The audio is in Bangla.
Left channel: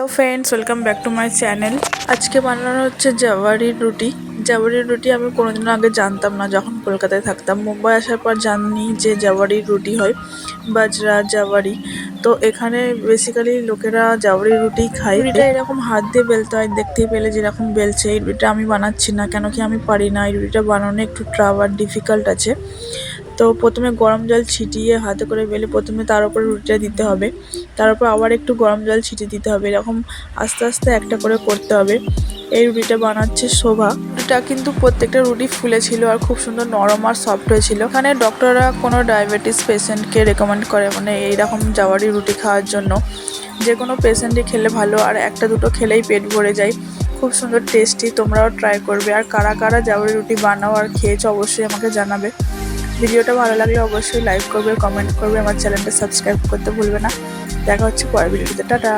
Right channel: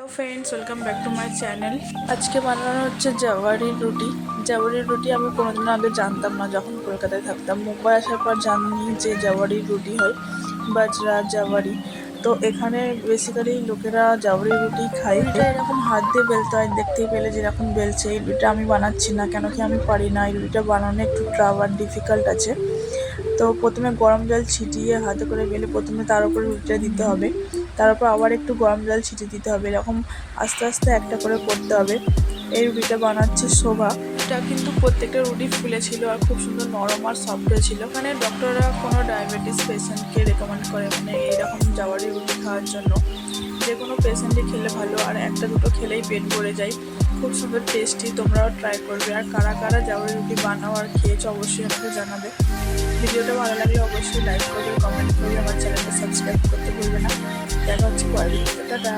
Hello friends, welcome back to my channel. আজকে বানানো হচ্ছে জাওয়ারির রুটি। জাওয়ারির রুটি আমি কোনোদিন আগে জানতাম না, যখন কলকাতায় থাকতাম। মুম্বাই আসার পর জানি যে জাওয়ারির রুটি হয়, বাজরা জাওয়ারি। তো এখানে বেসিক্যালি লোকেরা জাওয়ারির রুটি খায়। রুটিটা এরকম হাত দিয়ে বেলতে হয়, দেখতেই পেলে যেরকম বেলছে। এই রুটিটা আমি বানাচ্ছি না, কেন কি আমি পারি না। এই রুটিটা বানানো একটু টাফ আর ডিফিকাল্ট আছে। তো প্রথমে গরম জল ছিটিয়ে হাতে করে বেলে প্রথমে তার উপরে রুটিটা দিতে হবে, তার উপর আবার একটু গরম জল ছিটিয়ে দিতে হবে। এরকম আস্তে আস্তে একটা করে করতে হবে। এই রুটিটা বানাচ্ছে শোভা। এটা কিন্তু প্রত্যেকটা রুটি ফুলেছিল আর খুব সুন্দর নরম আর সফট হয়েছিল। এখানে ডক্টররা কোনো ডায়াবেটিস পেশেন্টকে রেকমেন্ড করে, মানে এইরকম জাওয়ারি রুটি খাওয়ার জন্য। যে কোনো পেশেন্টই খেলে ভালো, আর একটা দুটো খেলেই পেট ভরে যায়। খুব সুন্দর টেস্টি, তোমরাও ট্রাই করবে। আর কারা কারা জাওয়ারি রুটি বানাও আর খেয়েছো অবশ্যই আমাকে জানাবে। ভিডিওটা ভালো লাগলে অবশ্যই লাইক করবে, কমেন্ট করবে, আমার চ্যানেলটা সাবস্ক্রাইব করতে ভুলবে না। দেখা হচ্ছে পরের ভিডিওতে। টাটা।